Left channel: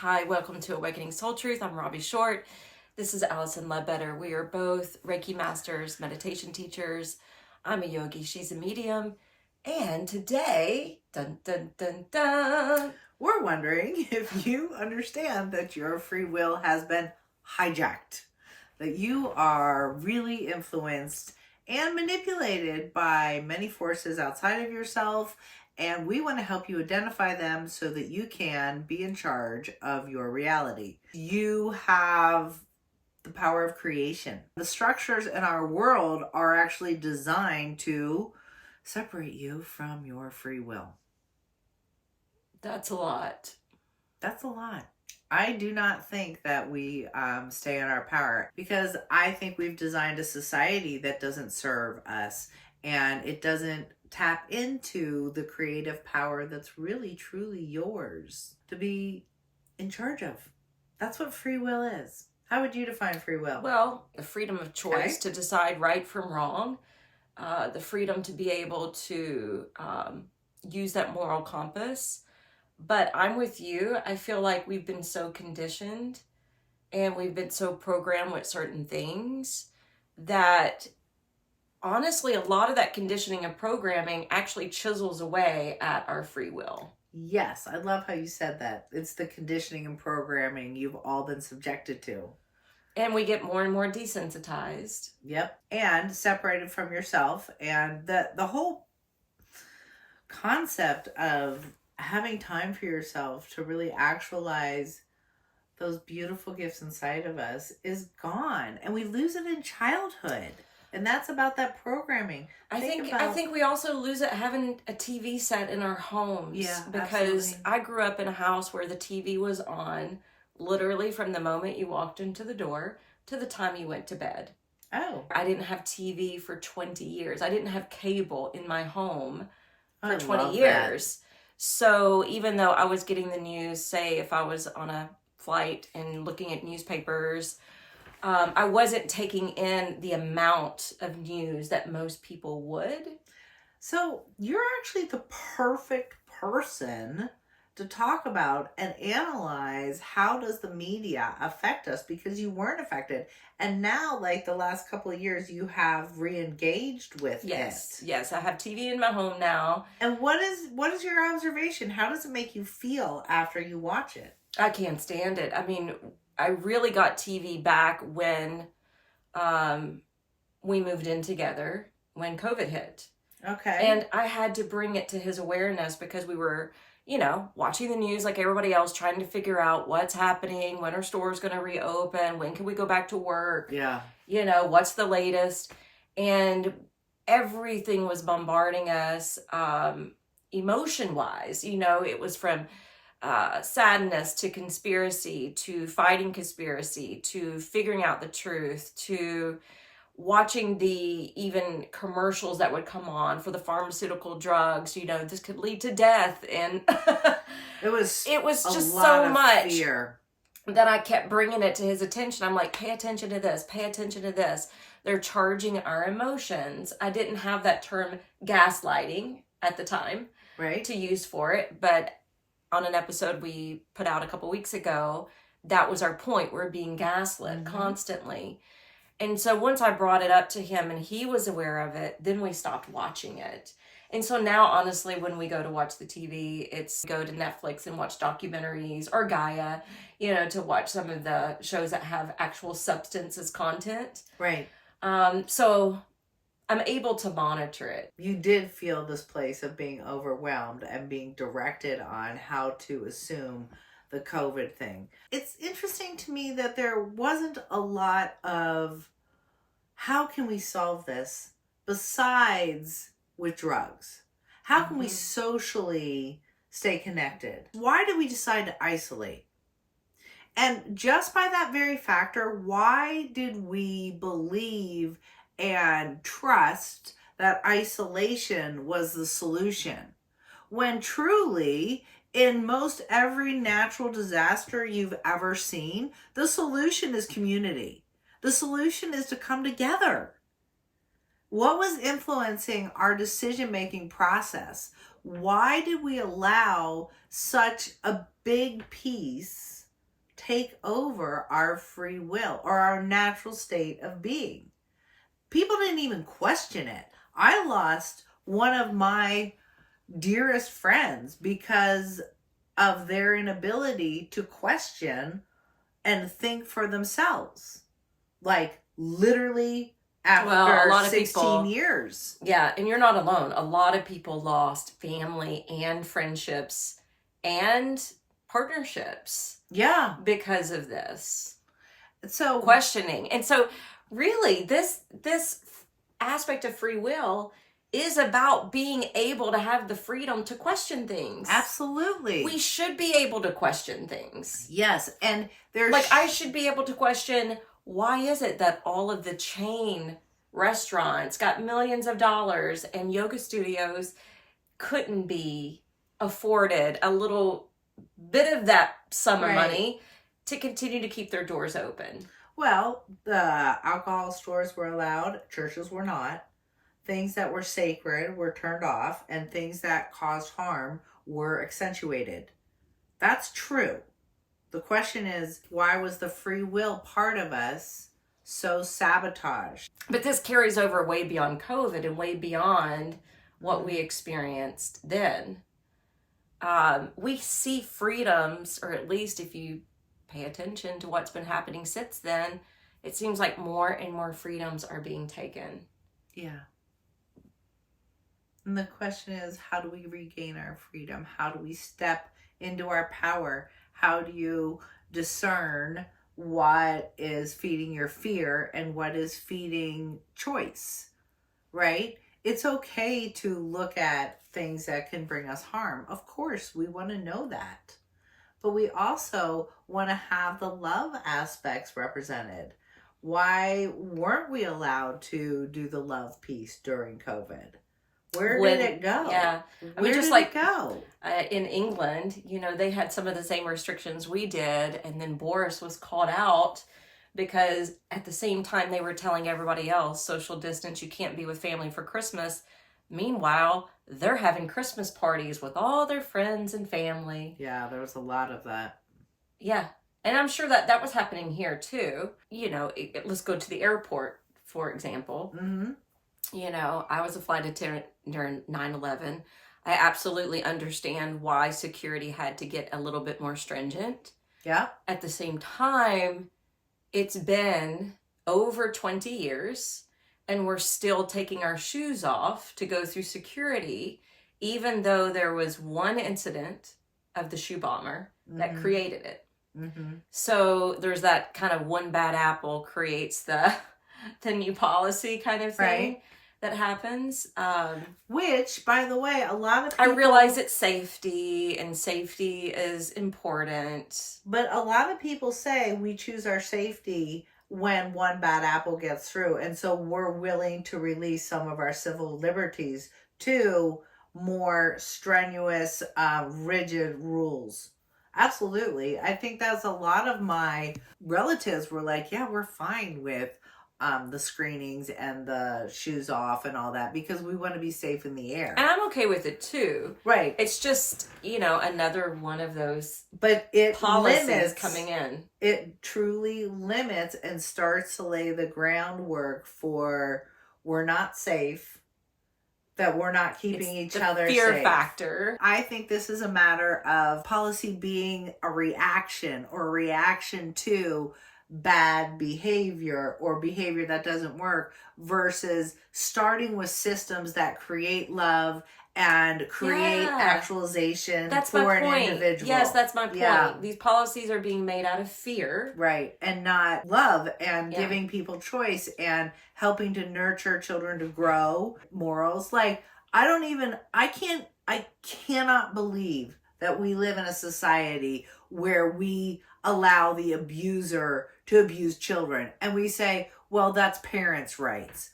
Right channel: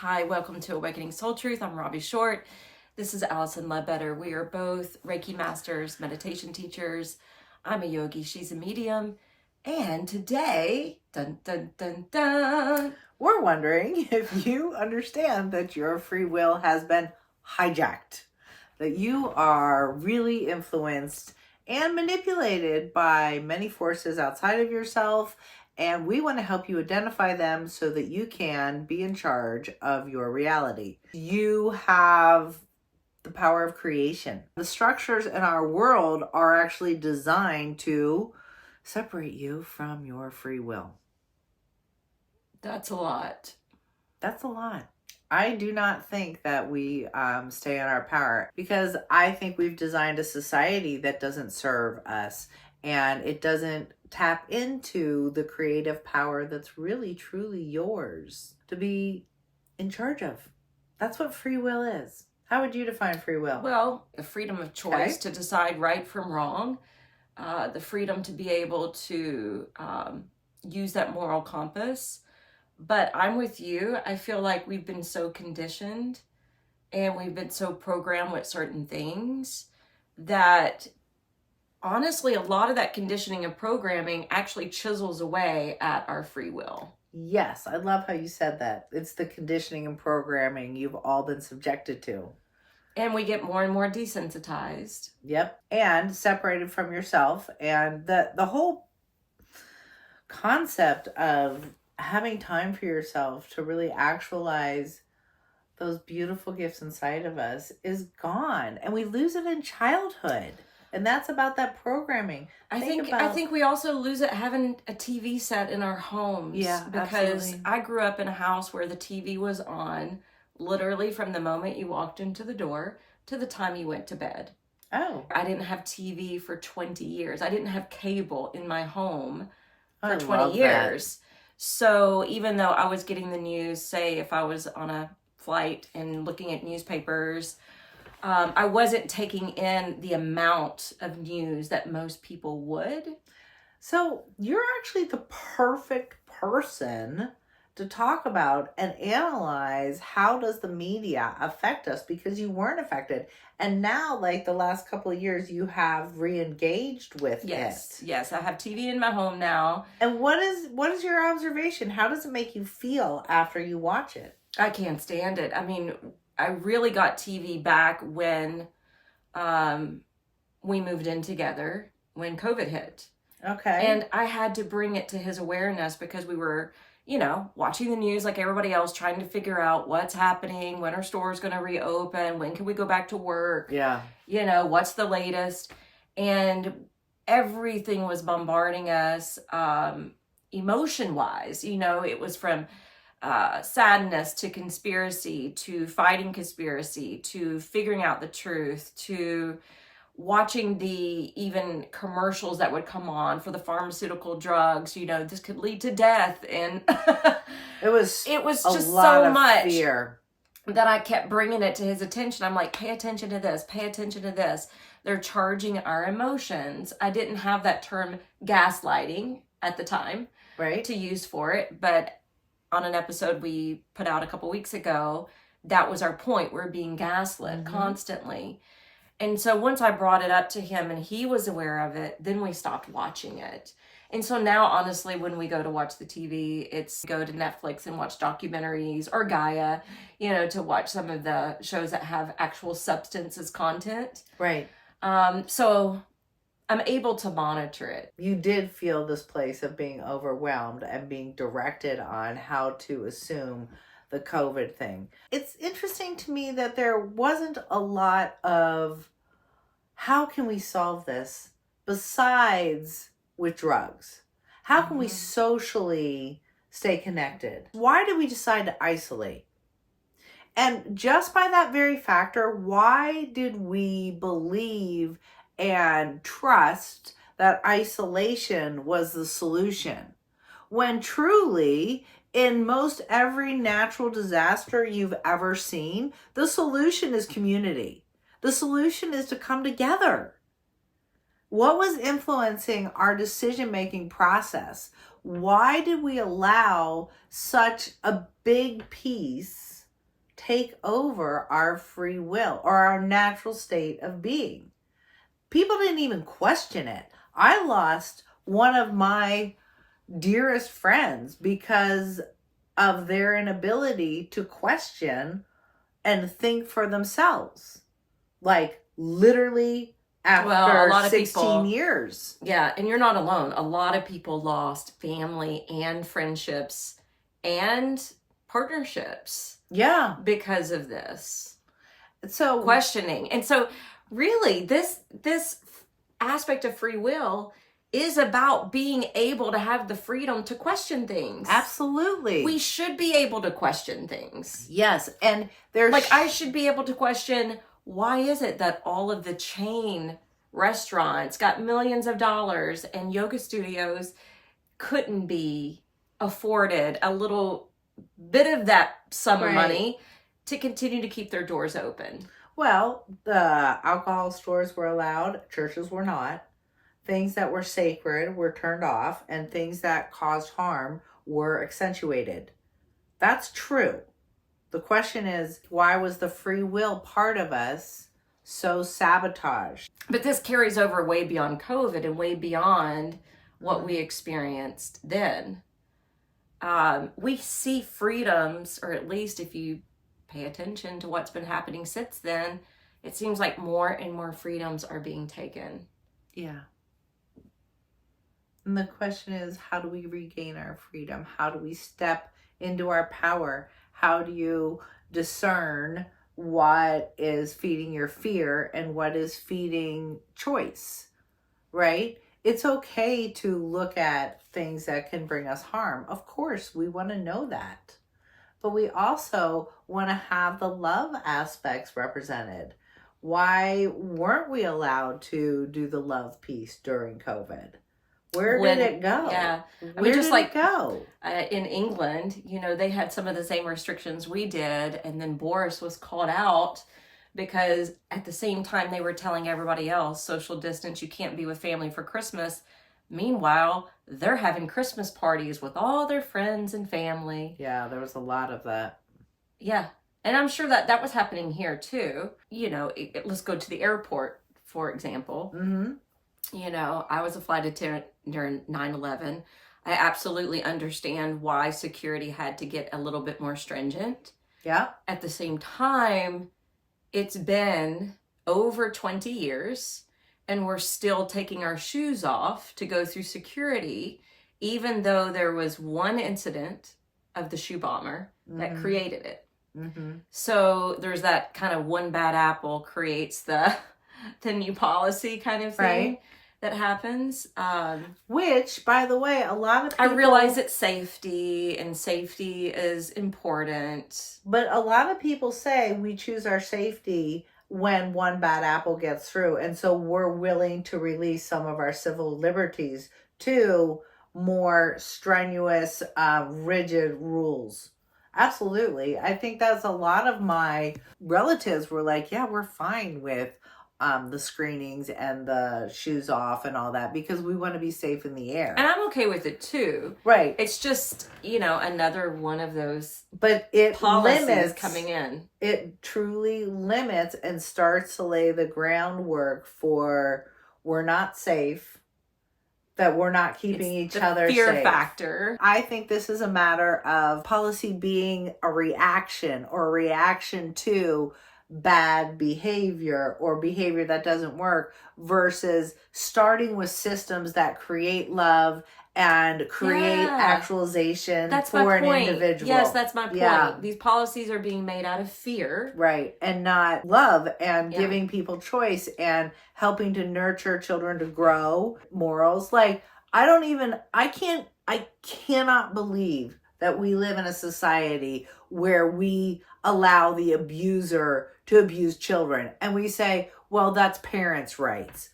Hi, welcome to Awakening Soul Truth. I'm Robbie Short. This is Allison Ledbetter. We are both Reiki masters, meditation teachers. I'm a yogi, she's a medium. And today, dun dun dun dun, we're wondering if you understand that your free will has been hijacked, that you are really influenced and manipulated by many forces outside of yourself. And we want to help you identify them so that you can be in charge of your reality. You have the power of creation. The structures in our world are actually designed to separate you from your free will. That's a lot. That's a lot. I do not think that we stay in our power, because I think we've designed a society that doesn't serve us, and it doesn't tap into the creative power that's really truly yours to be in charge of. That's what free will is. How would you define free will? Well, the freedom of choice to decide right from wrong, the freedom to be able to use that moral compass. But I'm with you. I feel like we've been so conditioned and we've been so programmed with certain things that honestly, a lot of that conditioning and programming actually chisels away at our free will. Yes, I love how you said that. It's the conditioning and programming you've all been subjected to. And we get more and more desensitized. Yep. And separated from yourself. And the whole concept of having time for yourself to really actualize those beautiful gifts inside of us is gone. And we lose it in childhood. And that's about that programming. I think we also lose it having a TV set in our homes. Yeah, because absolutely. I grew up in a house where the TV was on literally from the moment you walked into the door to the time you went to bed. Oh. I didn't have TV for 20 years. I didn't have cable in my home for I 20 love years. That. So even though I was getting the news, say if I was on a flight and looking at newspapers, I wasn't taking in the amount of news that most people would. So you're actually the perfect person to talk about and analyze how does the media affect us, because you weren't affected. And now, like the last couple of years, you have re-engaged with it. Yes, I have TV in my home now. And what is your observation? How does it make you feel after you watch it? I can't stand it. I mean, I really got TV back when we moved in together, when COVID hit. Okay. And I had to bring it to his awareness because we were, watching the news like everybody else, trying to figure out what's happening, when our store's going to reopen, when can we go back to work? Yeah. What's the latest? And everything was bombarding us emotion-wise. It was from sadness to conspiracy to fighting conspiracy to figuring out the truth to watching the even commercials that would come on for the pharmaceutical drugs. This could lead to death, and it was just so much fear that I kept bringing it to his attention. I'm like, pay attention to this, pay attention to this. They're charging our emotions. I didn't have that term gaslighting at the time, right, to use for it, but on an episode we put out a couple weeks ago, that was our point. We're being gaslit constantly. And so once I brought it up to him and he was aware of it, then we stopped watching it. And so now, honestly, when we go to watch the TV, it's go to Netflix and watch documentaries or Gaia, to watch some of the shows that have actual substance as content. Right. So I'm able to monitor it. You did feel this place of being overwhelmed and being directed on how to assume the COVID thing. It's interesting to me that there wasn't a lot of how can we solve this besides with drugs? How can we socially stay connected? Why did we decide to isolate? And just by that very factor, why did we believe and trust that isolation was the solution, when truly, in most every natural disaster you've ever seen, the solution is community. The solution is to come together. What was influencing our decision-making process? Why did we allow such a big piece take over our free will or our natural state of being. People didn't even question it. I lost one of my dearest friends because of their inability to question and think for themselves. Like literally after Well, a lot of 16 people, years. Yeah, and you're not alone. A lot of people lost family and friendships and partnerships. Yeah. Because of this. So questioning. And so really this aspect of free will is about being able to have the freedom to question things. Absolutely. We should be able to question things. Yes. And there's like I should be able to question, why is it that all of the chain restaurants got millions of dollars and yoga studios couldn't be afforded a little bit of that sum of money to continue to keep their doors open? Well, the alcohol stores were allowed, churches were not. Things that were sacred were turned off, and things that caused harm were accentuated. That's true. The question is, why was the free will part of us so sabotaged? But this carries over way beyond COVID and way beyond what we experienced then. We see freedoms, or at least if you pay attention to what's been happening since then, it seems like more and more freedoms are being taken. Yeah. And the question is, how do we regain our freedom? How do we step into our power? How do you discern what is feeding your fear and what is feeding choice, right? It's okay to look at things that can bring us harm. Of course, we want to know that. But we also want to have the love aspects represented. Why weren't we allowed to do the love piece during COVID? Where did it go? Yeah. I mean, just like go? In England, they had some of the same restrictions we did. And then Boris was called out because at the same time they were telling everybody else, social distance, you can't be with family for Christmas. Meanwhile, they're having Christmas parties with all their friends and family. Yeah, there was a lot of that. Yeah. And I'm sure that was happening here too. Let's go to the airport, for example. Mm-hmm. I was a flight attendant during 9/11. I absolutely understand why security had to get a little bit more stringent. Yeah. At the same time, it's been over 20 years and we're still taking our shoes off to go through security, even though there was one incident of the shoe bomber that created it. Mm-hmm. So there's that kind of one bad apple creates the new policy kind of thing that happens. Which, by the way, a lot of people... I realize it's safety, and safety is important. But a lot of people say we choose our safety when one bad apple gets through. And so we're willing to release some of our civil liberties to more strenuous, rigid rules. Absolutely. I think that's a lot of my relatives were like, yeah, we're fine with the screenings and the shoes off and all that because we want to be safe in the air. And I'm okay with it too. Right. It's just, another one of those policies limits coming in. It truly limits and starts to lay the groundwork for we're not safe, that we're not keeping each other safe. Fear factor. I think this is a matter of policy being a reaction to bad behavior or behavior that doesn't work versus starting with systems that create love and create actualization for an individual. Yes, that's my point. Yeah. These policies are being made out of fear. Right. And not love and giving people choice and helping to nurture children to grow morals. Like, I cannot believe that we live in a society where we allow the abuser to abuse children. And we say, well, that's parents' rights.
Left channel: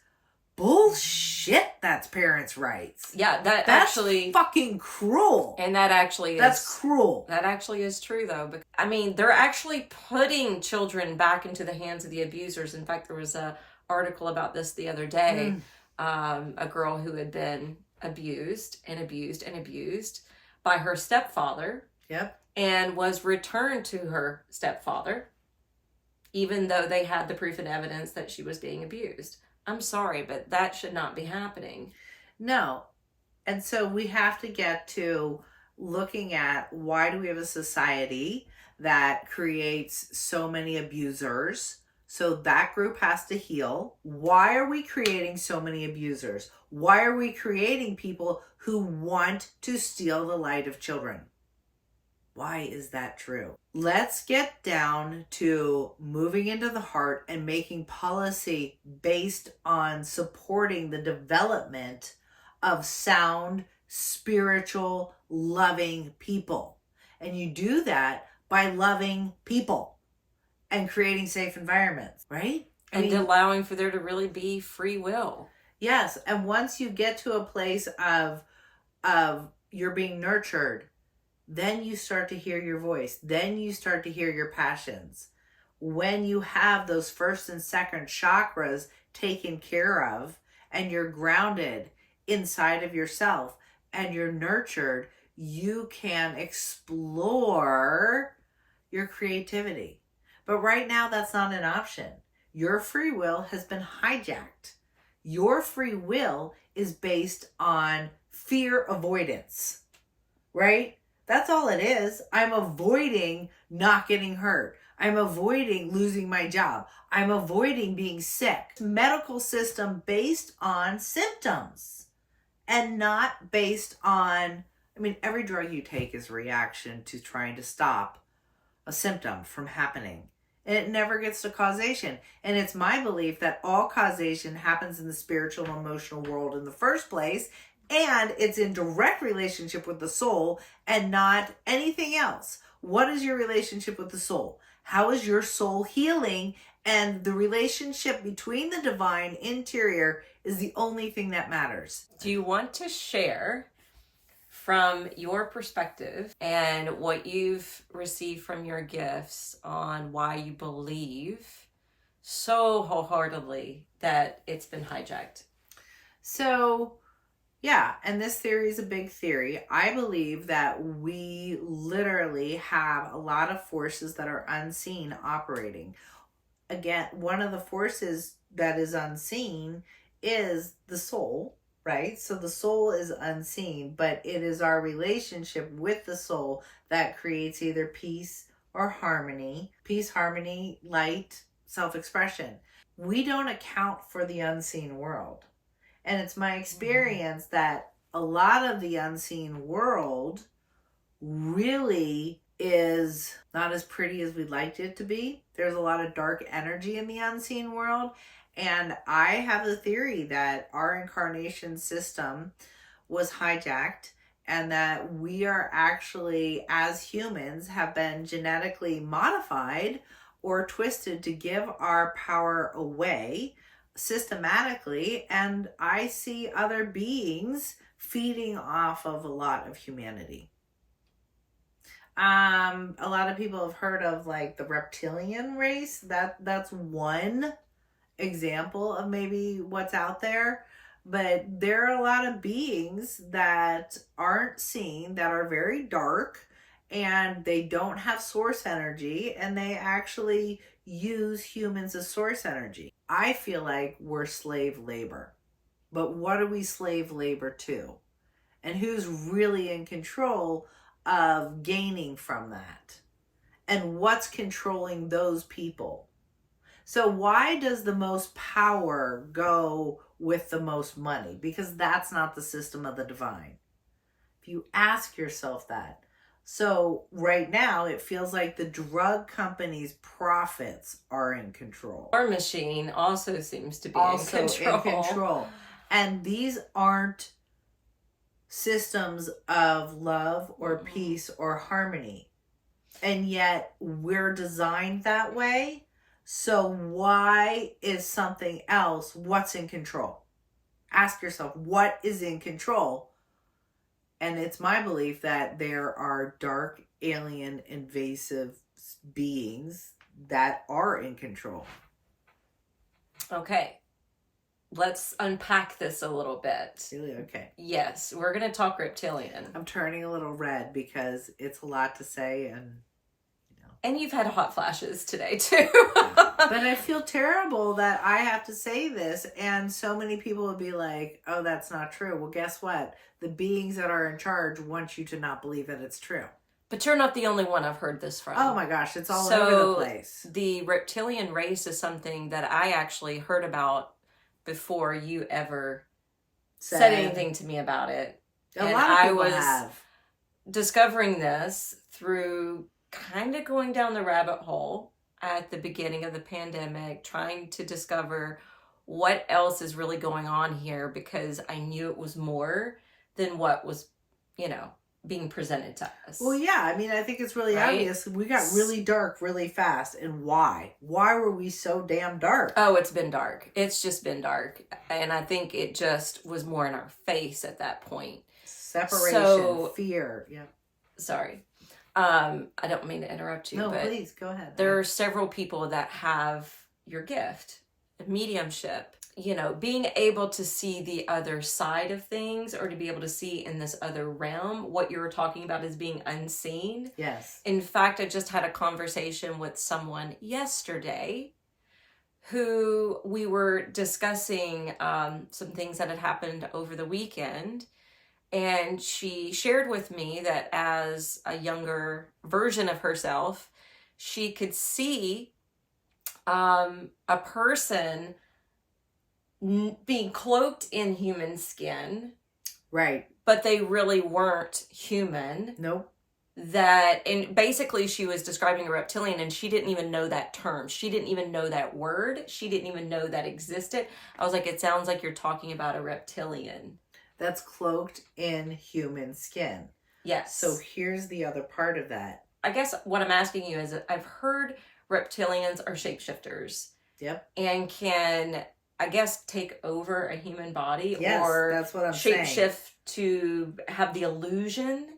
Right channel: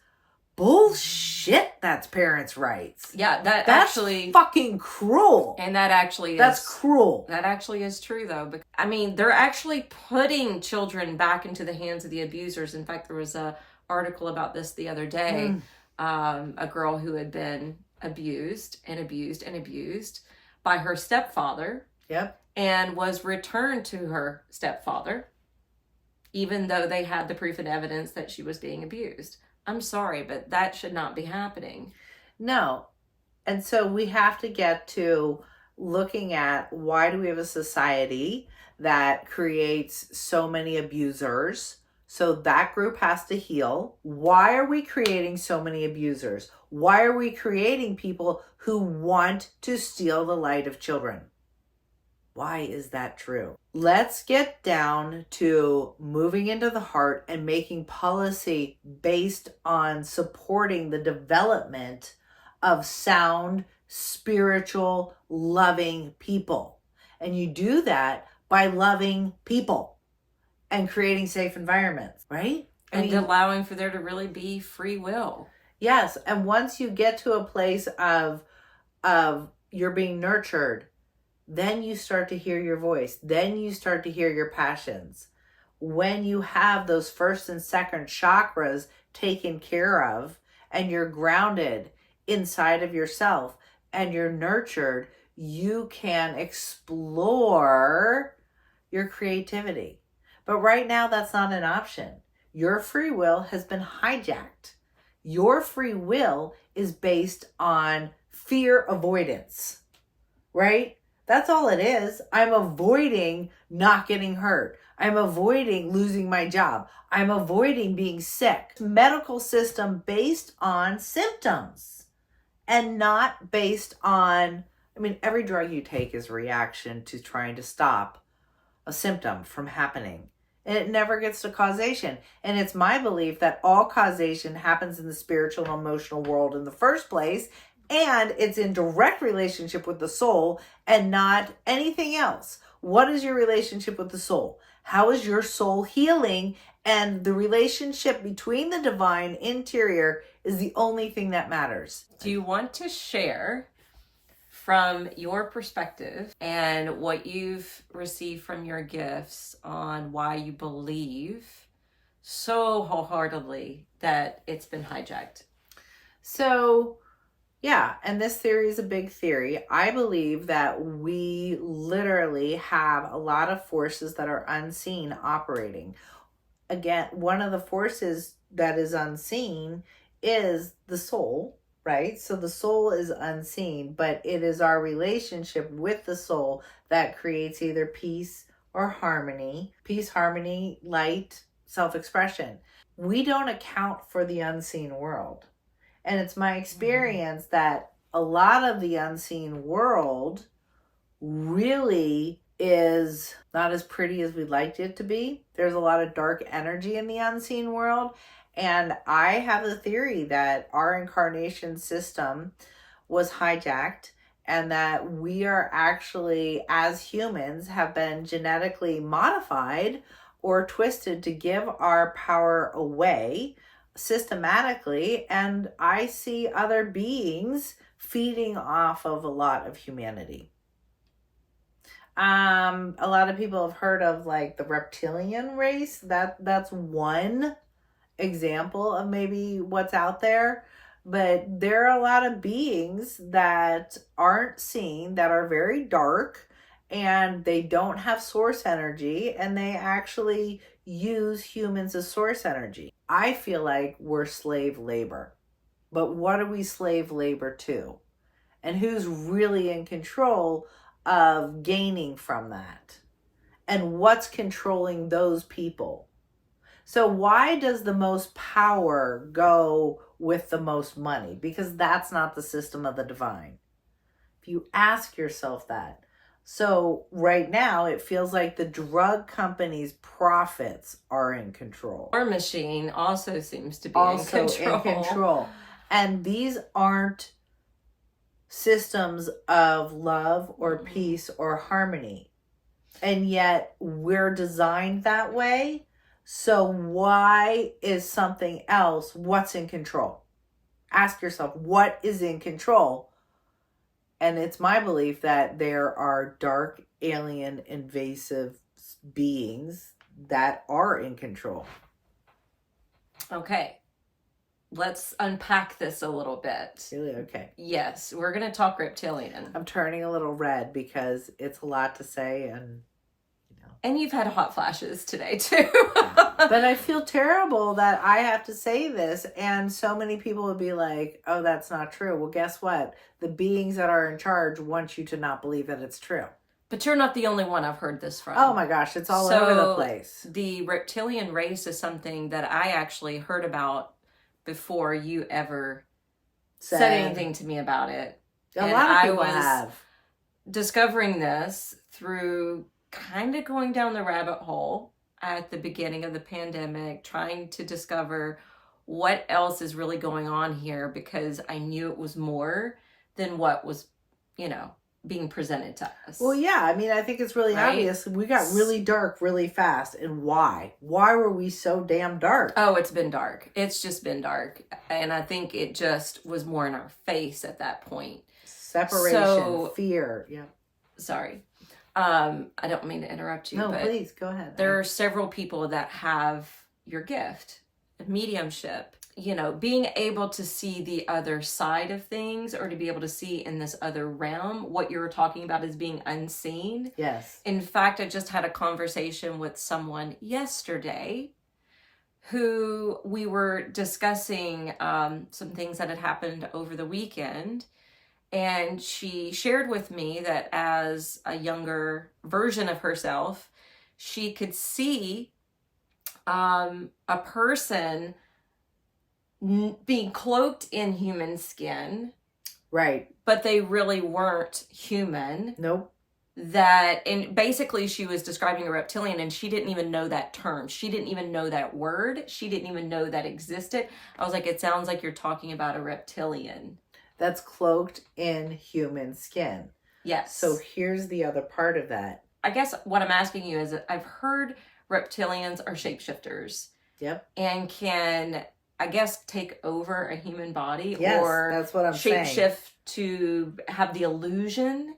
Bullshit, that's parents' rights. Yeah, that's actually fucking cruel. And that's cruel. That actually is true, though. They're actually putting children back into the hands of the abusers. In fact, there was a article about this the other day. A girl who had been abused by her stepfather. Yep. and was returned to her stepfather, even though they had the proof and evidence that she was being abused. I'm sorry, but that should not be happening. No. And so we have to get to looking at, why do we have a society that creates so many abusers? So that group has to heal. Why are we creating so many abusers? Why are we creating people who want to steal the light of children? Why is that true? Let's get down to moving into the heart and making policy based on supporting the development of sound, spiritual, loving people. And you do that by loving people and creating safe environments, right? And allowing for there to really be free will. Yes. And once you get to a place of you're being nurtured, then you start to hear your voice. Then you start to hear your passions. When you have those first and second chakras taken care of, and you're grounded inside of yourself and you're nurtured, you can explore your creativity. But right now, that's not an option. Your free will has been hijacked. Your free will is based on fear avoidance, right? That's all it is. I'm avoiding not getting hurt. I'm avoiding losing my job. I'm avoiding being sick. Medical system based on symptoms and not based on, every drug you take is a reaction to trying to stop a symptom from happening. And it never gets to causation. And it's my belief that all causation happens in the spiritual and emotional world in the first place. And it's in direct relationship with the soul and not anything else. What is your relationship with the soul? How is your soul healing? And the relationship between the divine interior is the only thing that matters. Do you want to share from your perspective and what you've received from your gifts on why you believe so wholeheartedly that it's been hijacked? So, yeah, and this theory is a big theory. I believe that we literally have a lot of forces that are unseen operating. Again, one of the forces that is unseen is the soul, right? So the soul is unseen, but it is our relationship with the soul that creates either peace or harmony. Peace, harmony, light, self-expression. We don't account for the unseen world. And it's my experience that a lot of the unseen world really is not as pretty as we'd like it to be. There's a lot of dark energy in the unseen world. And I have a theory that our incarnation system was hijacked, and that we are actually, as humans, have been genetically modified or twisted to give our power away systematically. And I see other beings feeding off of a lot of humanity. A lot of people have heard of like the Reptilian Race. That's one example of maybe what's out there. But there are a lot of beings that aren't seen, that are very dark, and they don't have source energy, and they actually use humans as source energy. I feel like we're slave labor. But what are we slave labor to? And who's really in control of gaining from that? And what's controlling those people? So why does the most power go with the most money? Because that's not the system of the divine. If you ask yourself that. So right now, it feels like the drug companies' profits are in control. Our machine also seems to be in control. And these aren't systems of love or peace or harmony. And yet we're designed that way. So why is something else what's in control? Ask yourself, what is in control? And it's my belief that there are dark, alien, invasive beings that are in control. Okay. let's unpack this a little bit. Really? Okay. Yes, we're going to talk reptilian. I'm turning a little red because it's a lot to say, and and you've had hot flashes today too. But I feel terrible that I have to say this, and so many people would be like, oh, that's not true. Well, guess what? The beings that are in charge want you to not believe that it's true. But you're not the only one I've heard this from. Oh my gosh, it's all over the place. The reptilian race is something that I actually heard about before you ever said anything to me about it. A lot of people have. Discovering this through kind of going down the rabbit hole at the beginning of the pandemic, trying to discover what else is really going on here, because I knew it was more than what was, being presented to us. Well, yeah, I mean, I think it's really obvious. We got really dark really fast. And why? Why were we so damn dark? Oh, it's been dark. It's just been dark. And I think it just was more in our face at that point. Separation, fear. Yeah. Sorry. I don't mean to interrupt you. No, but please, go ahead. There are several people that have your gift, mediumship. Being able to see the other side of things, or to be able to see in this other realm. What you're talking about is being unseen. Yes. In fact, I just had a conversation with someone yesterday who we were discussing some things that had happened over the weekend. And she shared with me that as a younger version of herself, she could see a person being cloaked in human skin. Right. But they really weren't human. Nope. And basically she was describing a reptilian, and she didn't even know that term. She didn't even know that word. She didn't even know that existed. I was like, it sounds like you're talking about a reptilian. That's cloaked in human skin. Yes. So here's the other part of that. I guess what I'm asking you is, I've heard reptilians are shapeshifters. Yep. And can, I guess, take over a human body. Yes, or that's what I'm saying. Shapeshift to have the illusion.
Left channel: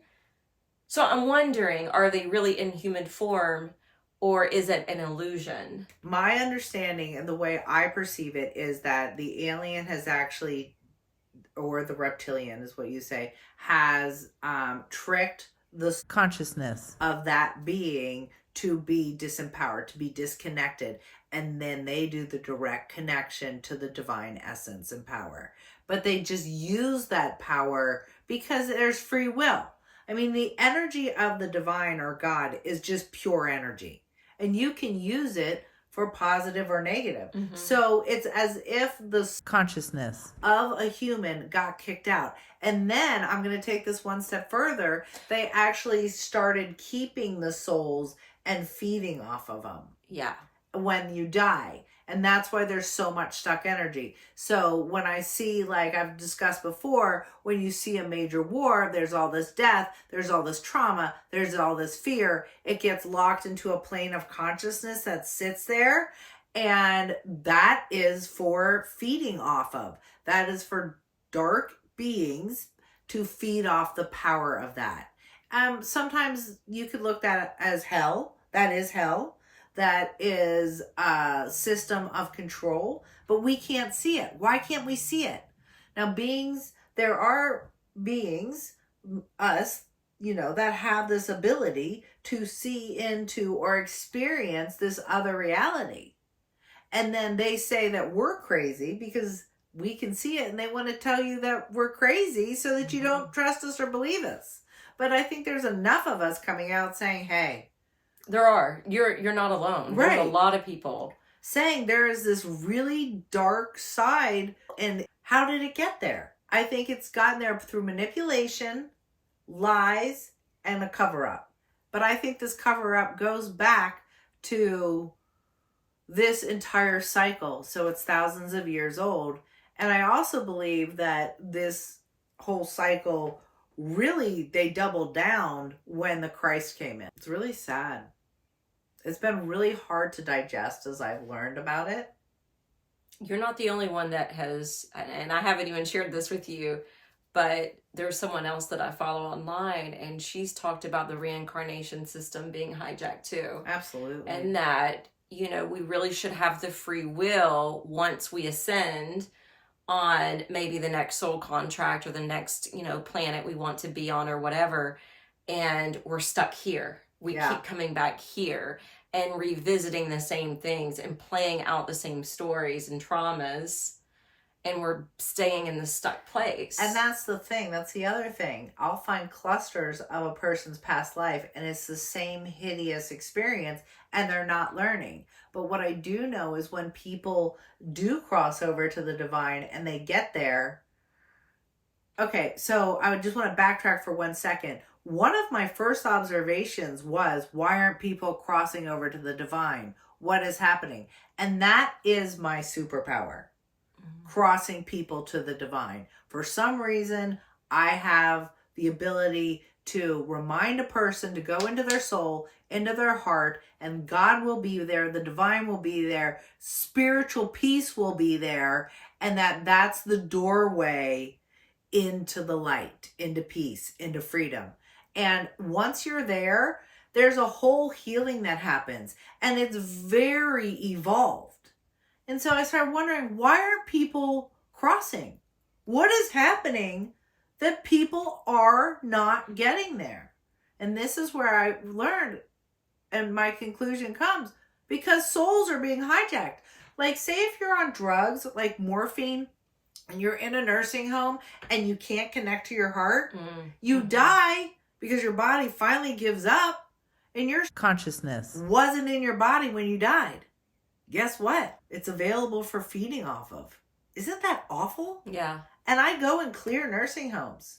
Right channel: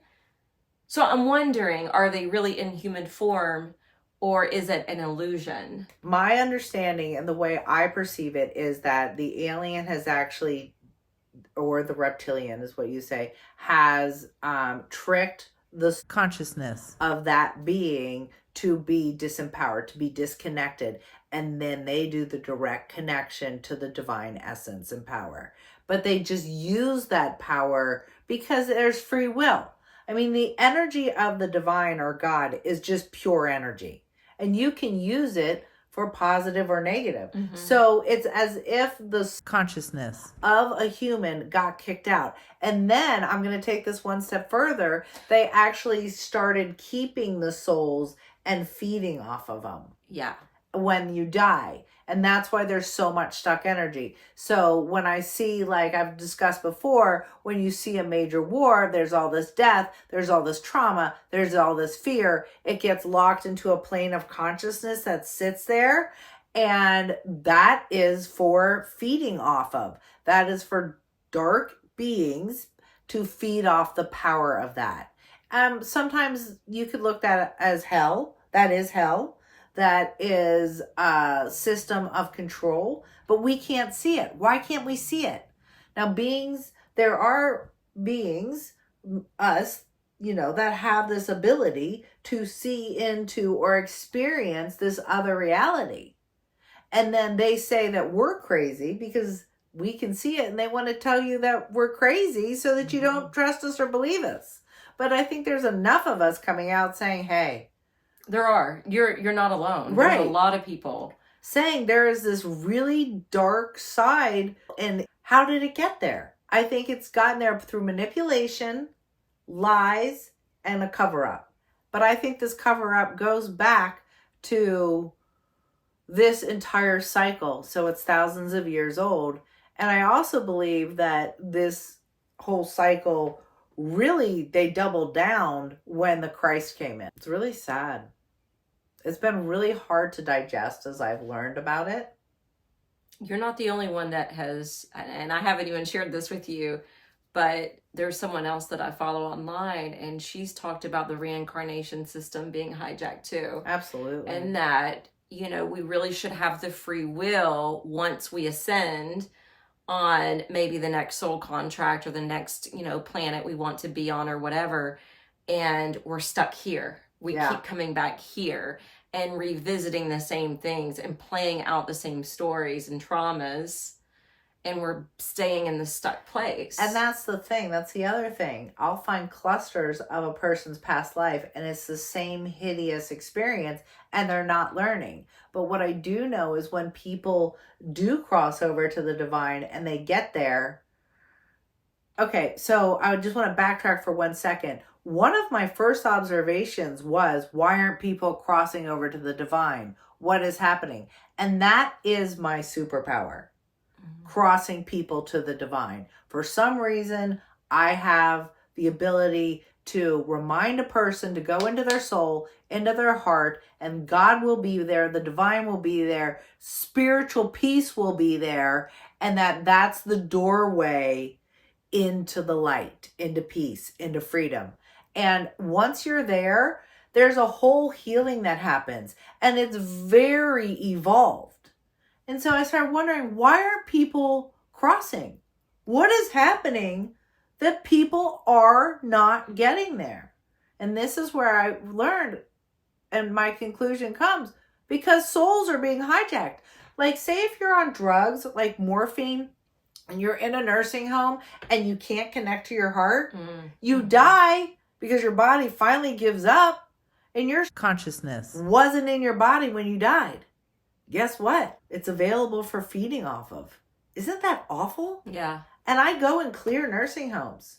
So I'm wondering, are they really in human form, or is it an illusion? My understanding and the way I perceive it is that the alien has actually, or the reptilian is what you say, has tricked the consciousness of that being to be disempowered, to be disconnected, and then they do the direct connection to the divine essence and power. But they just use that power because there's free will. I mean, the energy of the divine or God is just pure energy, and you can use it for positive or negative. Mm-hmm. So it's as if the consciousness of a human got kicked out. And then I'm going to take this one step further. They actually started keeping the souls and feeding off of them. Yeah. When you die. And that's why there's so much stuck energy. So when I see, like I've discussed before, when you see a major war, there's all this death, there's all this trauma, there's all this fear. It gets locked into a plane of consciousness that sits there. And that is for feeding off of. That is for dark beings to feed off the power of that. Sometimes you could look at it as hell. That is hell. That is a system of control, but we can't see it. Why can't we see it? Now, there are beings, us, that have this ability to see into or experience this other reality. And then they say that we're crazy because we can see it, and they want to tell you that we're crazy so that you don't trust us or believe us. But I think there's enough of us coming out saying, hey, there are. You're not alone. Right. There's a lot of people saying there is this really dark side, and how did it get there? I think it's gotten there through manipulation, lies, and a cover-up. But I think this cover-up goes back to this entire cycle. So it's thousands of years old. And I also believe that this whole cycle, really, they doubled down when the Christ came in. It's really sad. It's been really hard to digest as I've learned about it. You're not the only one that has, and I haven't even shared this with you, but there's someone else that I follow online, and she's talked about the reincarnation system being hijacked too. Absolutely. And that, we really should have the free will once we ascend, on maybe the next soul contract or the next, planet we want to be on or whatever. And we're stuck here. We keep coming back here and revisiting the same things and playing out the same stories and traumas. And we're staying in the stuck place. And that's the thing. That's the other thing. I'll find clusters of a person's past life and it's the same hideous experience and they're not learning. But what I do know is when people do cross over to the divine and they get there. Okay, so I just want to backtrack for 1 second. One of my first observations was, why aren't people crossing over to the divine? What is happening? And that is my superpower. Crossing people to the divine. For some reason, I have the ability to remind a person to go into their soul, into their heart, and God will be there, the divine will be there, spiritual peace will be there, and that's the doorway into the light, into peace, into freedom. And once you're there, there's a whole healing that happens, and it's very evolved. And so I started wondering, why aren't people crossing? What is happening that people are not getting there? And this is where I learned, and my conclusion comes, because souls are being hijacked. Like, say if you're on drugs like morphine and you're in a nursing home and you can't connect to your heart, you die because your body finally gives up and your consciousness wasn't in your body when you died. Guess what? It's available for feeding off of. Isn't that awful? Yeah. And I go and clear nursing homes.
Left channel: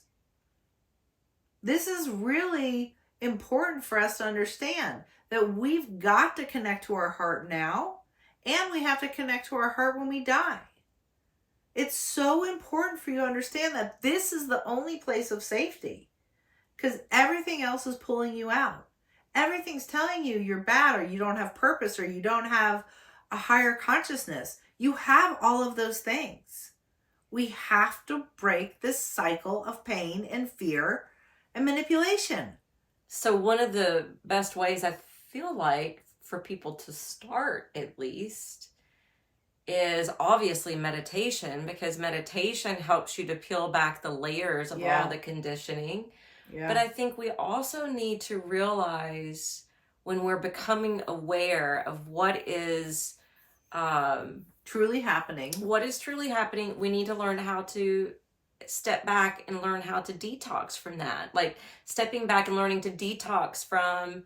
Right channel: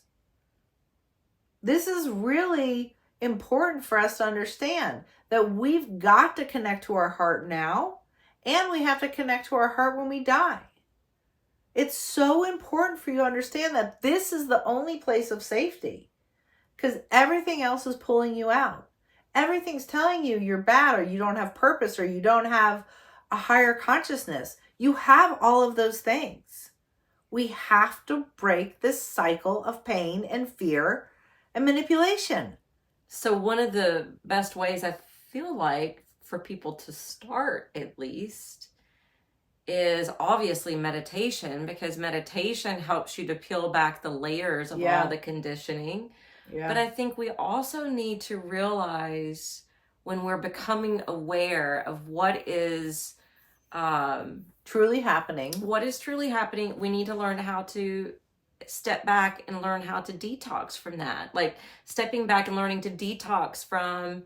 This is really important for us to understand that we've got to connect to our heart now, and we have to connect to our heart when we die. It's so important for you to understand that this is the only place of safety, because everything else is pulling you out. Everything's telling you you're bad, or you don't have purpose, or you don't have a higher consciousness. You have all of those things. We have to break this cycle of pain and fear and manipulation. So one of the best ways I feel like for people to start, at least, is obviously meditation, because meditation helps you to peel back the layers of all the conditioning. But I think we also need to realize, when we're becoming aware of what is truly happening, we need to learn how to step back and learn how to detox from that. Like stepping back and learning to detox from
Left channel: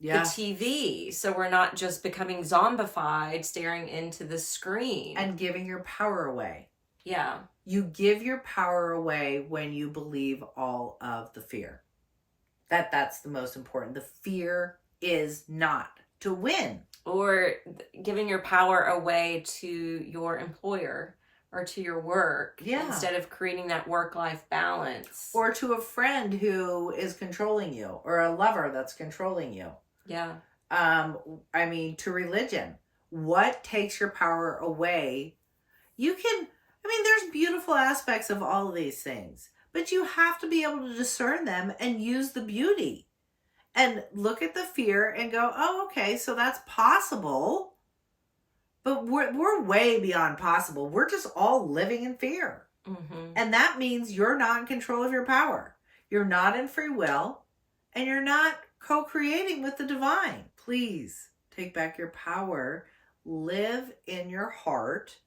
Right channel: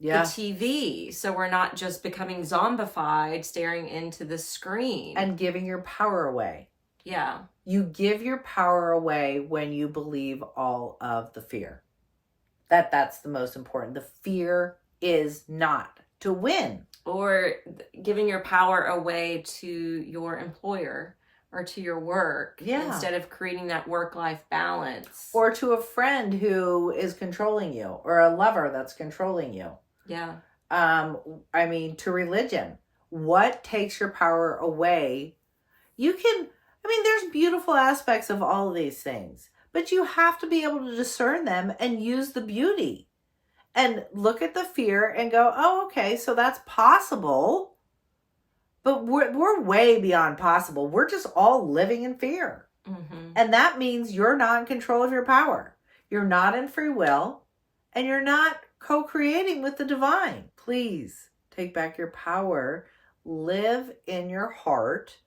the TV, so we're not just becoming zombified staring into the screen and giving your power away. Yeah. You give your power away when you believe all of the fear. That's the most important. The fear is not to win. Or giving your power away to your employer or to your work instead of creating that work-life balance. Or to a friend who is controlling you, or a lover that's controlling you. Yeah. To religion. What takes your power away? There's beautiful aspects of all of these things, but you have to be able to discern them and use the beauty. And look at the fear and go, oh, okay, so that's possible. But we're way beyond possible. We're just all living in fear. Mm-hmm. And that means you're not in control of your power. You're not in free will. And you're not co-creating with the divine. Please take back your power. Live in your heart.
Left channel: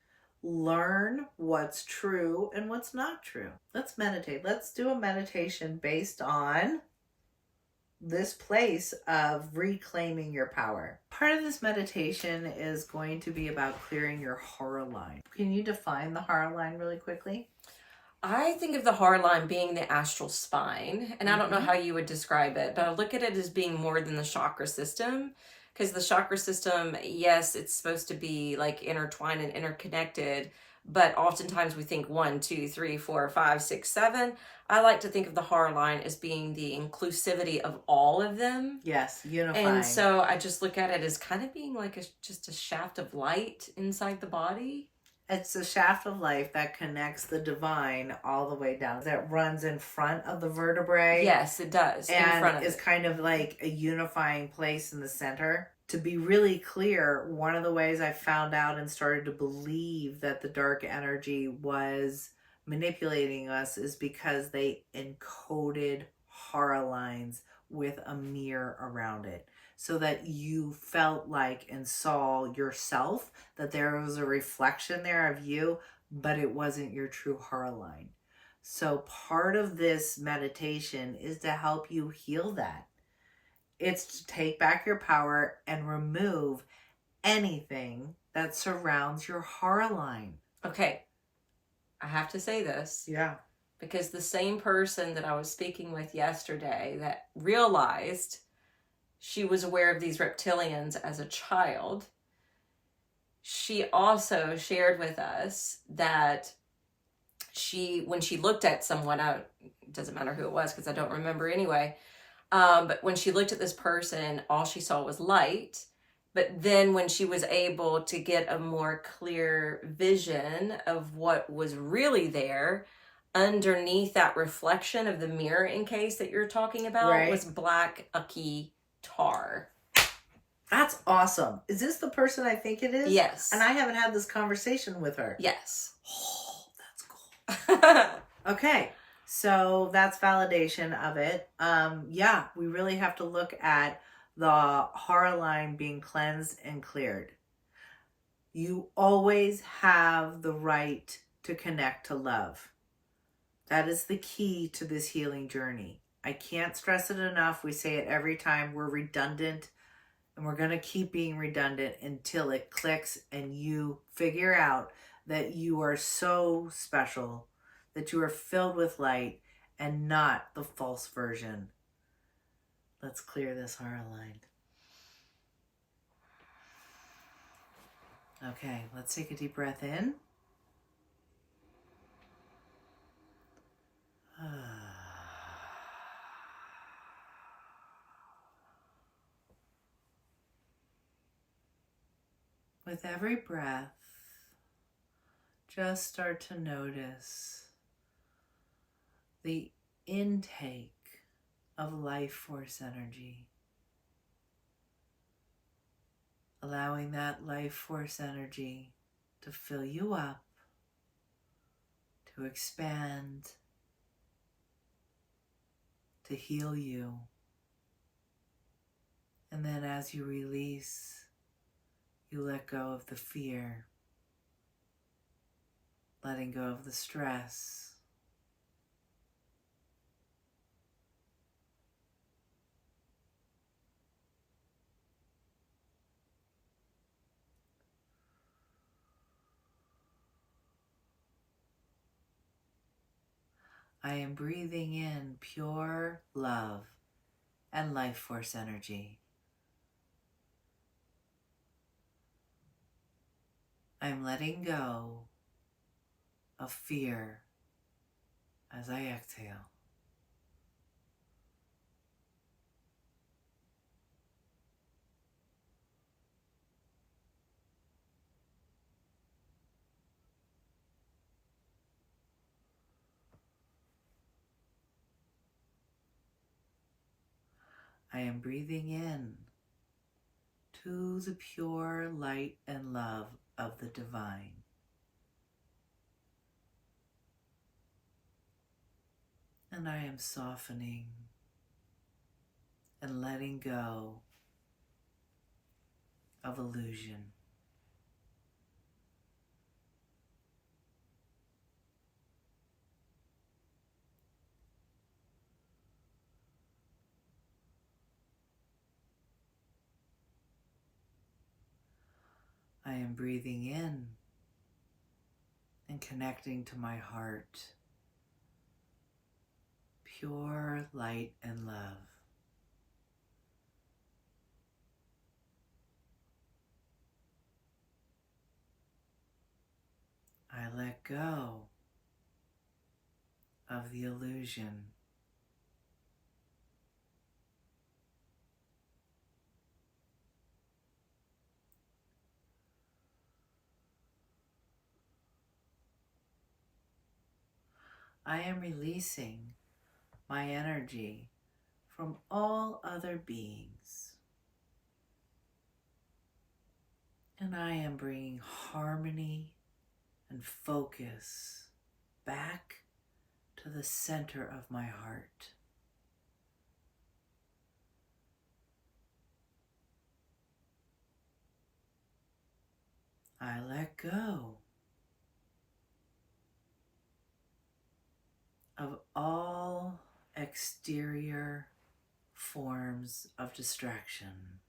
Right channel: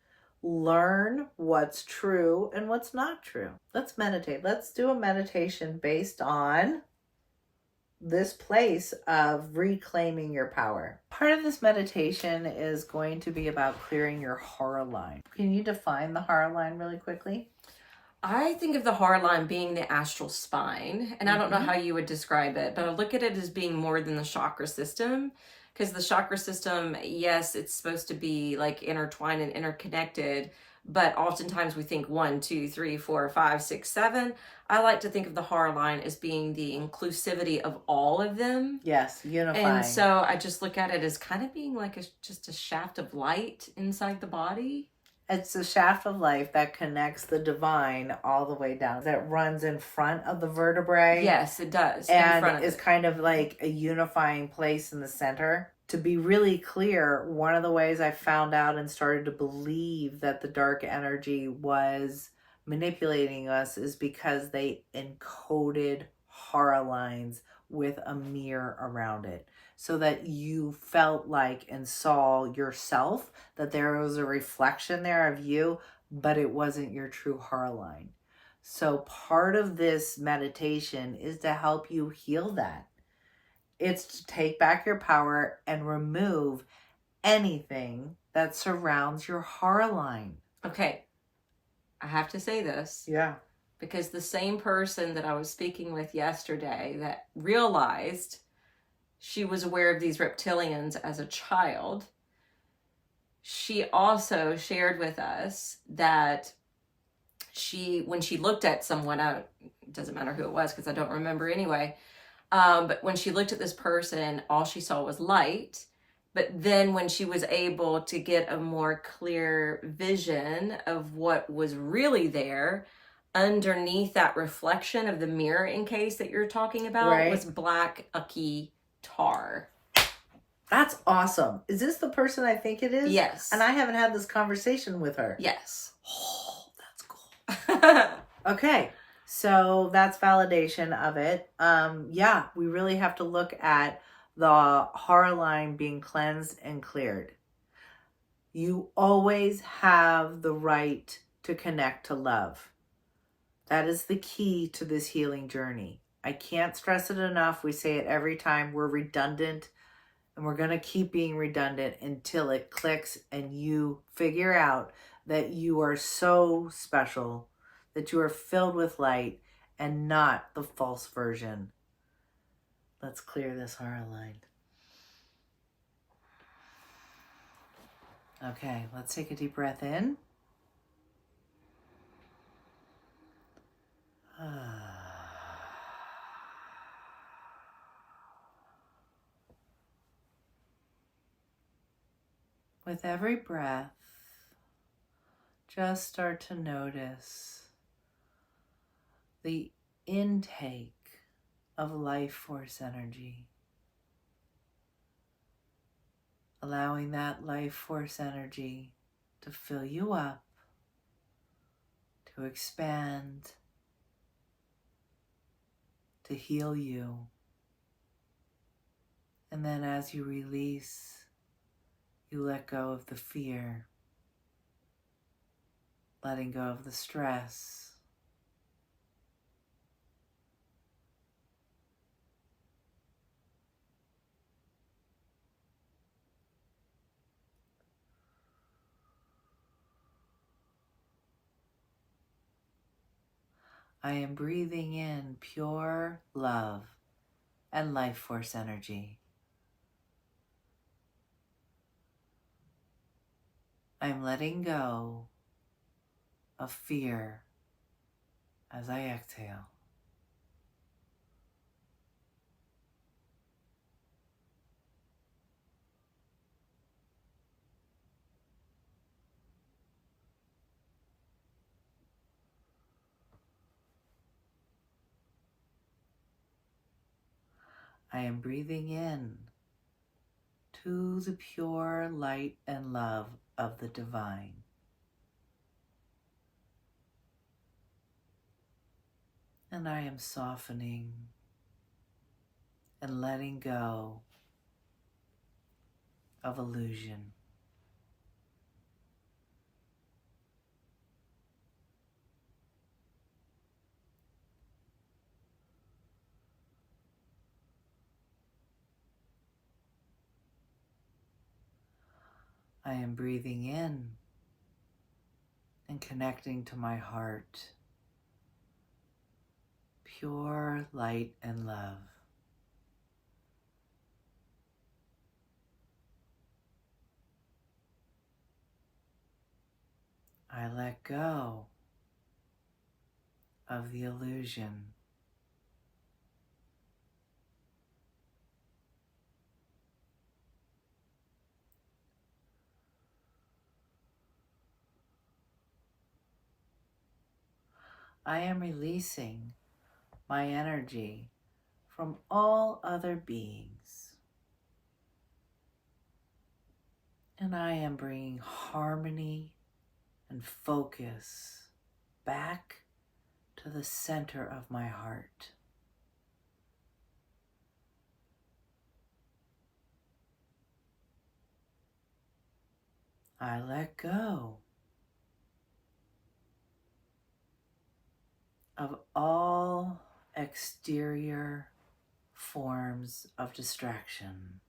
Learn what's true and what's not true. Let's meditate. Let's do a meditation based on this place of reclaiming your power. Part of this meditation is going to be about clearing your horror line. Can you define the horror line really quickly? I think of the horror line being the astral spine, and I don't know how you would describe it, but I look at it as being more than the chakra system, because the chakra system, yes, it's supposed to be like intertwined and interconnected, but oftentimes we think 1, 2, 3, 4, 5, 6, 7. I like to think of the horror line as being the inclusivity of all of them. Yes, unifying. And so I just look at it as kind of being like just a shaft of light inside the body. It's a shaft of light that connects the divine all the way down. That runs in front of the vertebrae. Yes, it does. And in front of is kind of like a unifying place in the center. To be really clear, one of the ways I found out and started to believe that the dark energy was manipulating us is because they encoded horror lines with a mirror around it, so that you felt like and saw yourself, that there was a reflection there of you, but it wasn't your true horror line. So part of this meditation is to help you heal that. It's to take back your power and remove anything that surrounds your horror line. Okay, I have to say this. Yeah. Because the same person that I was speaking with yesterday that realized she was aware of these reptilians as a child, she also shared with us that when she looked at someone, it doesn't matter who it was because I don't remember anyway, but when she looked at this person, all she saw was light. But then when she was able to get a more clear vision of what was really there, underneath that reflection of the mirror in case that you're talking about, was black ucky tar. That's awesome. Is this the person I think it is? Yes. And I haven't had this conversation with her. Yes. Oh, that's cool. Okay. So that's validation of it. Yeah, we really have to look at the horror line being cleansed and cleared. You always have the right to connect to love. That is the key to this healing journey. I can't stress it enough. We say it every time. We're redundant, and we're going to keep being redundant until it clicks and you figure out that you are so special, that you are filled with light and not the false version. Let's clear this horror line. Okay, let's take a deep breath in. With every breath, just start to notice the intake of life force energy. Allowing that life force energy to fill you up, to expand, to heal you. And then as you release, you let go of the fear, letting go of the stress. I am breathing in pure love and life force energy. I am letting go of fear as I exhale. I am breathing in to the pure light and love of the divine. And I am softening and letting go of illusion. I am breathing in and connecting to my heart. Pure light and love. I let go of the illusion. I am releasing my energy from all other beings. And I am bringing harmony and focus back to the center of my heart. I let go of all exterior forms of distraction.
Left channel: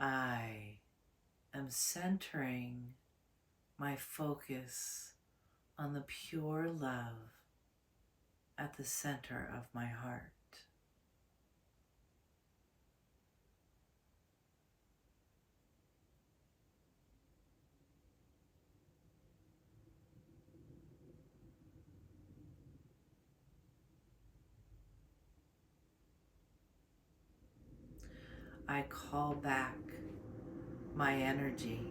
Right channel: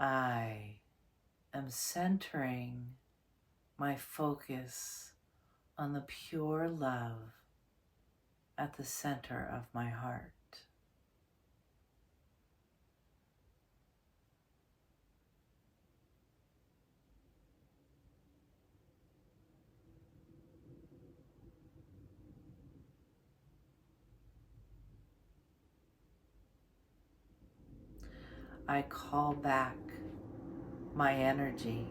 I am centering my focus on the pure love at the center of my heart. I call back my energy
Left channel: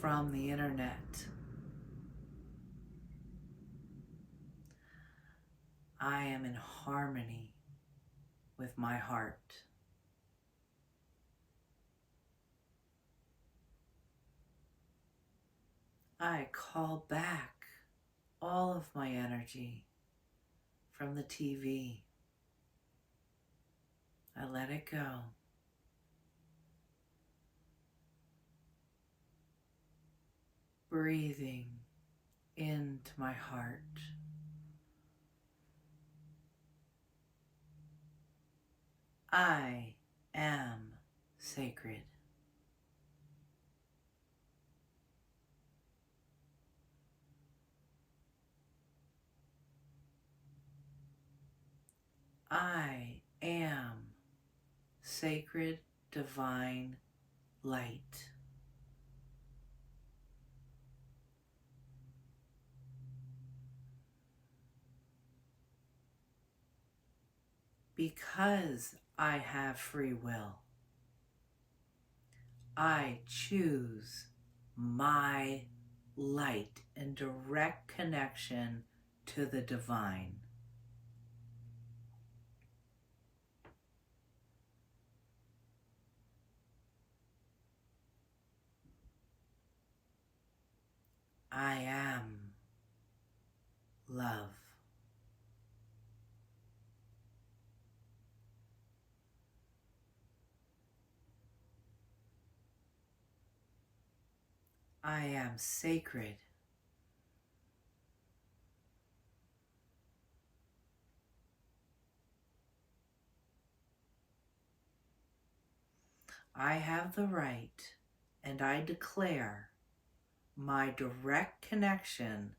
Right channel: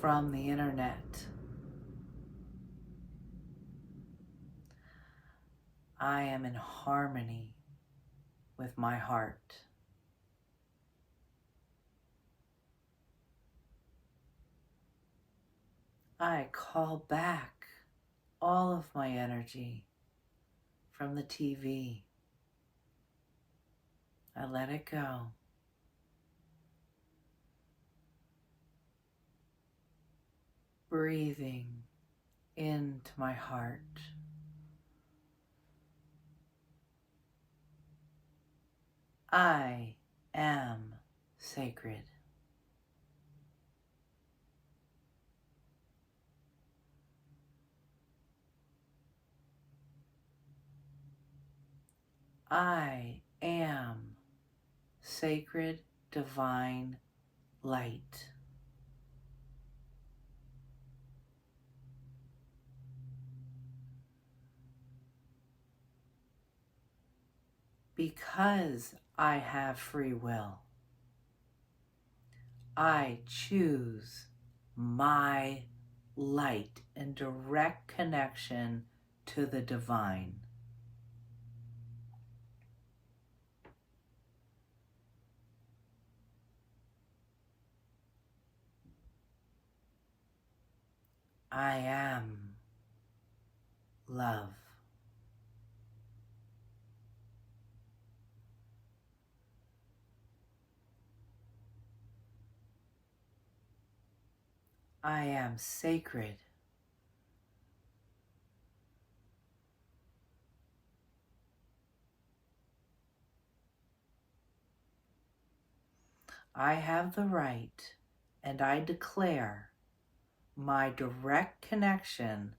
from the internet. I am in harmony with my heart. I call back all of my energy from the TV. I let it go. Breathing into my heart. I am sacred. I am sacred divine light. Because I have free will, I choose my light in direct connection to the divine. I am love. I am sacred. I have the right, and I declare my direct connection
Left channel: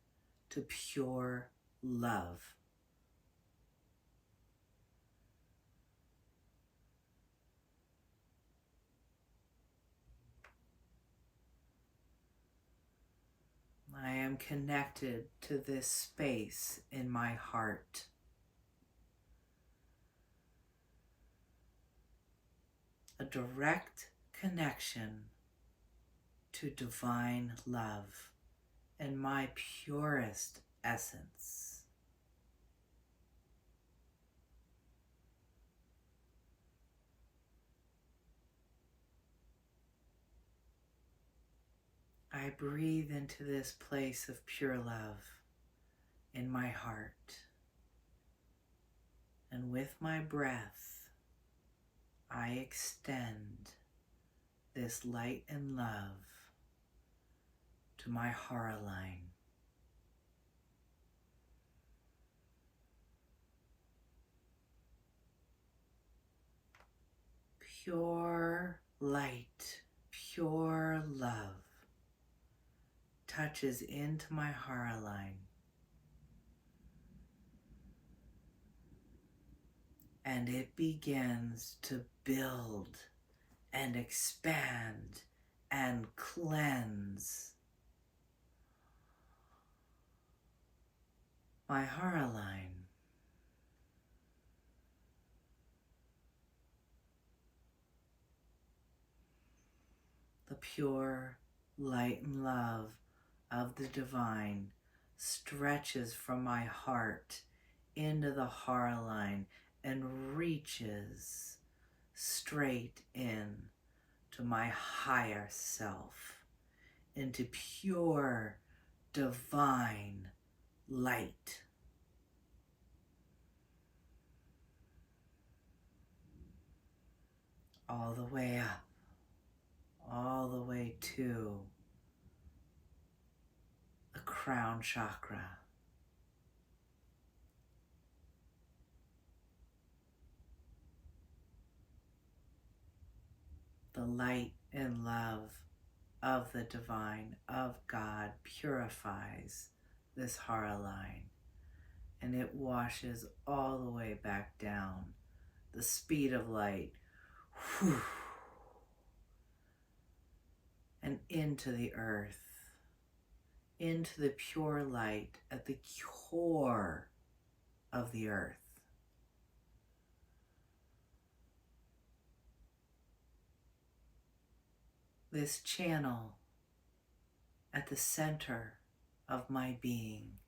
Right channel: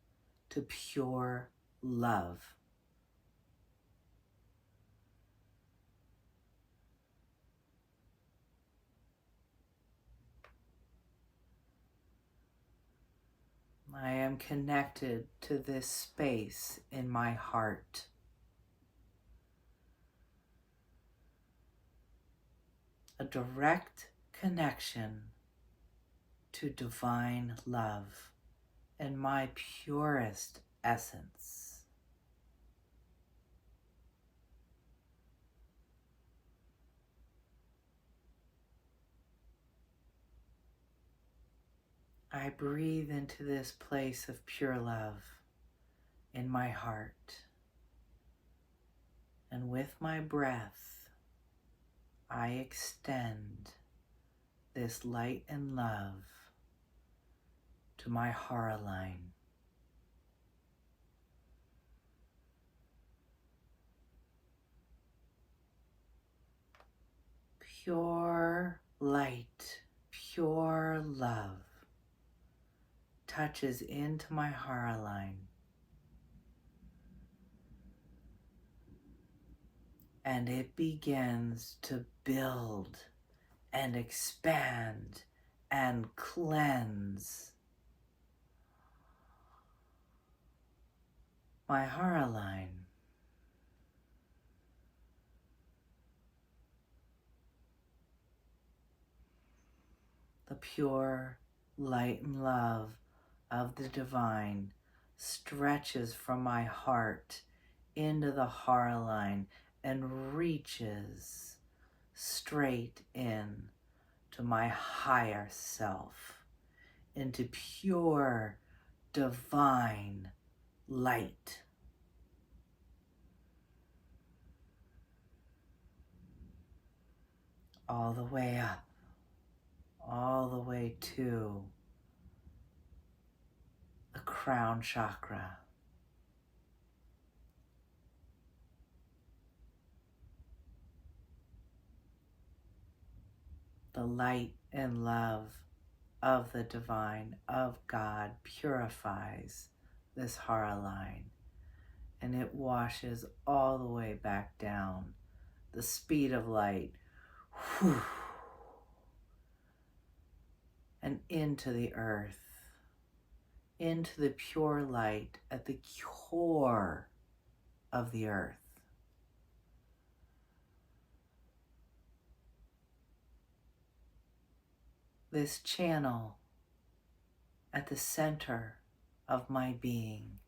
to pure love. I am connected to this space in my heart. A direct connection to divine love in my purest essence. I breathe into this place of pure love in my heart, and with my breath, I extend this light and love to my heart line. Pure light, pure love touches into my heart line and it begins to build and expand and cleanse my heart line. The pure light and love of the divine stretches from my heart into the hara line and reaches straight in to my higher self, into pure divine light. All the way up, all the way to the crown chakra. The light and love of the divine, of God, purifies this hara line, and it washes all the way back down. The speed of light, whew, and into the earth, into the pure light at the core of the earth. This channel at the center of my being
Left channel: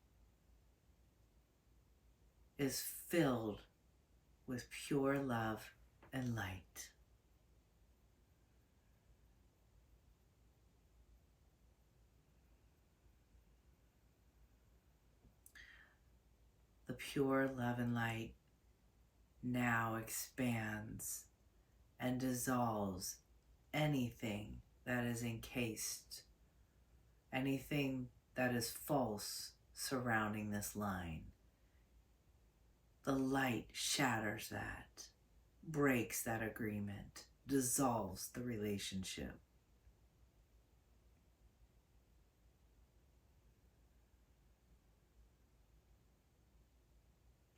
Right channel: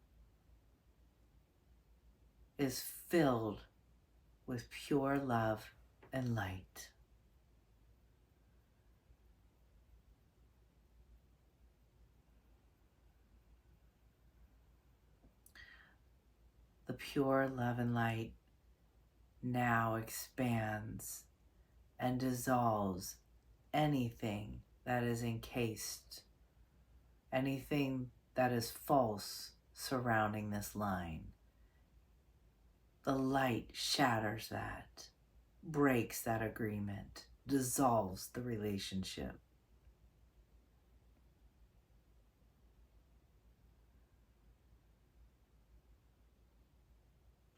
is filled with pure love and light. The pure love and light now expands and dissolves anything that is encased, anything that is false surrounding this line. The light shatters that, breaks that agreement, dissolves the relationship.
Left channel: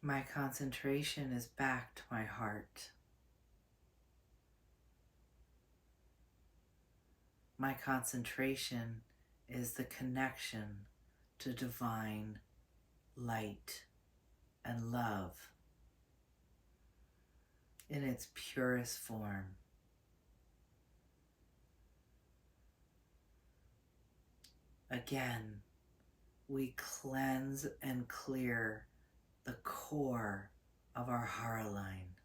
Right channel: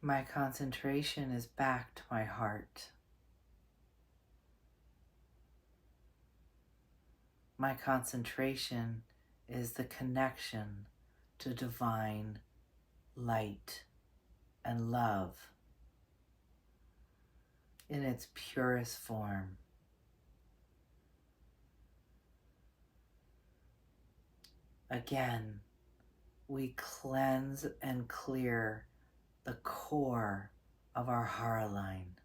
My concentration is back to my heart. My concentration is the connection to divine light and love in its purest form. Again, we cleanse and clear the core of our hara line.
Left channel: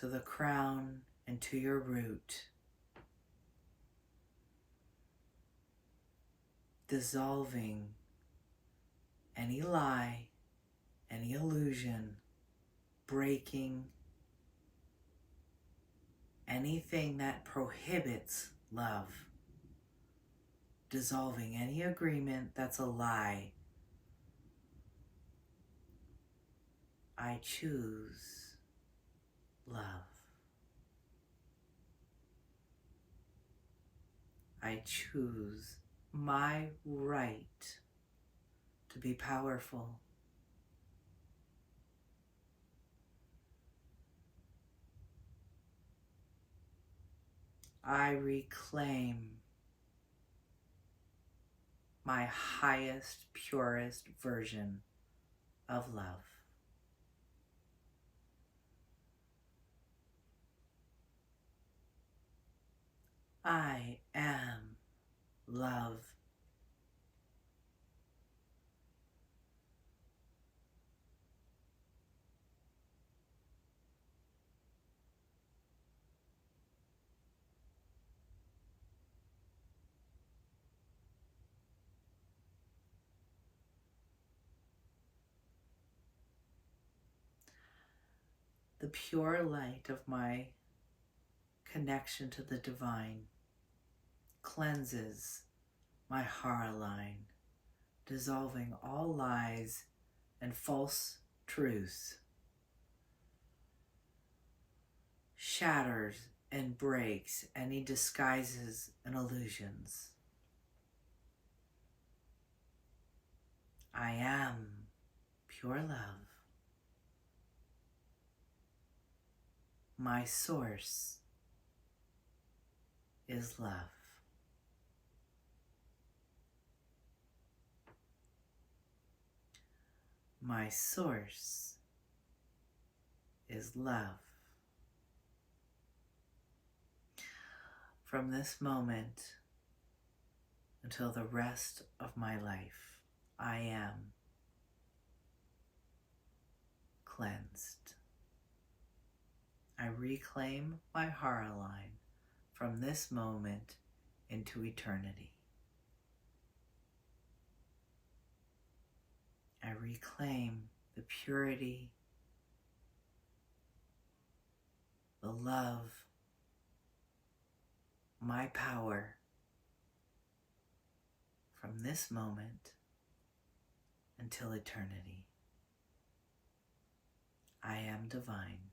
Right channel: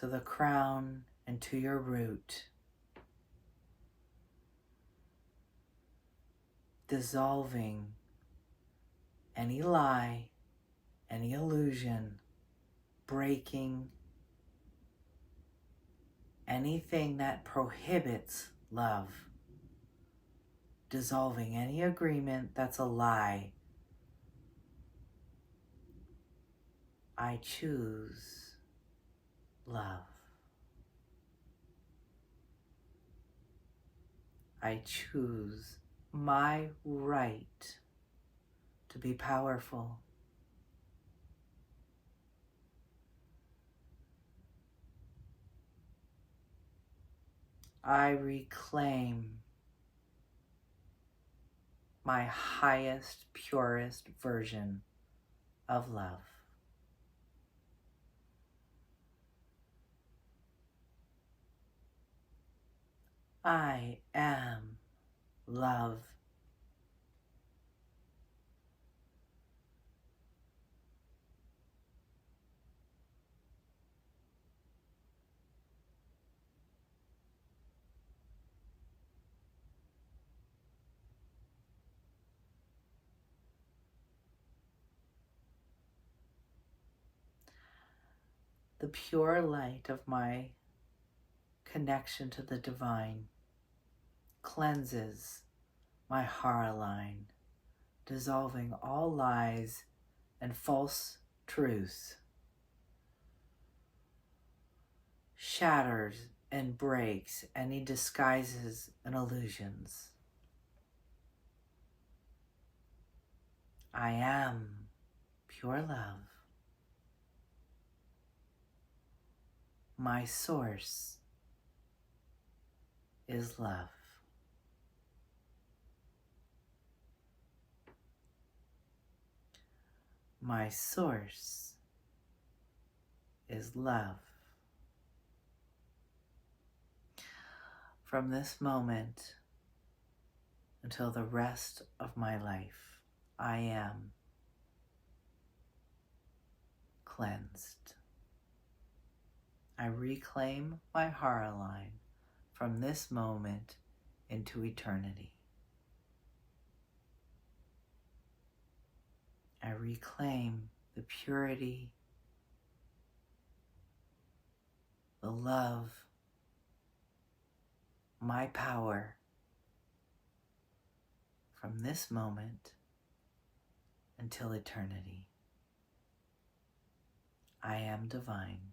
To the crown and to your root, dissolving any lie, any illusion, breaking anything that prohibits love, dissolving any agreement that's a lie. I choose love. I choose my right to be powerful. I reclaim my highest, purest version of love. I am love. The pure light of my connection to the divine cleanses my hara line, dissolving all lies and false truths, shatters and breaks any disguises and illusions. I am pure love. My source is love. My source is love. from this moment until the rest of my life, I am cleansed. I reclaim my heart line from this moment into eternity. I reclaim the purity, the love, my power from this moment until eternity. I am divine.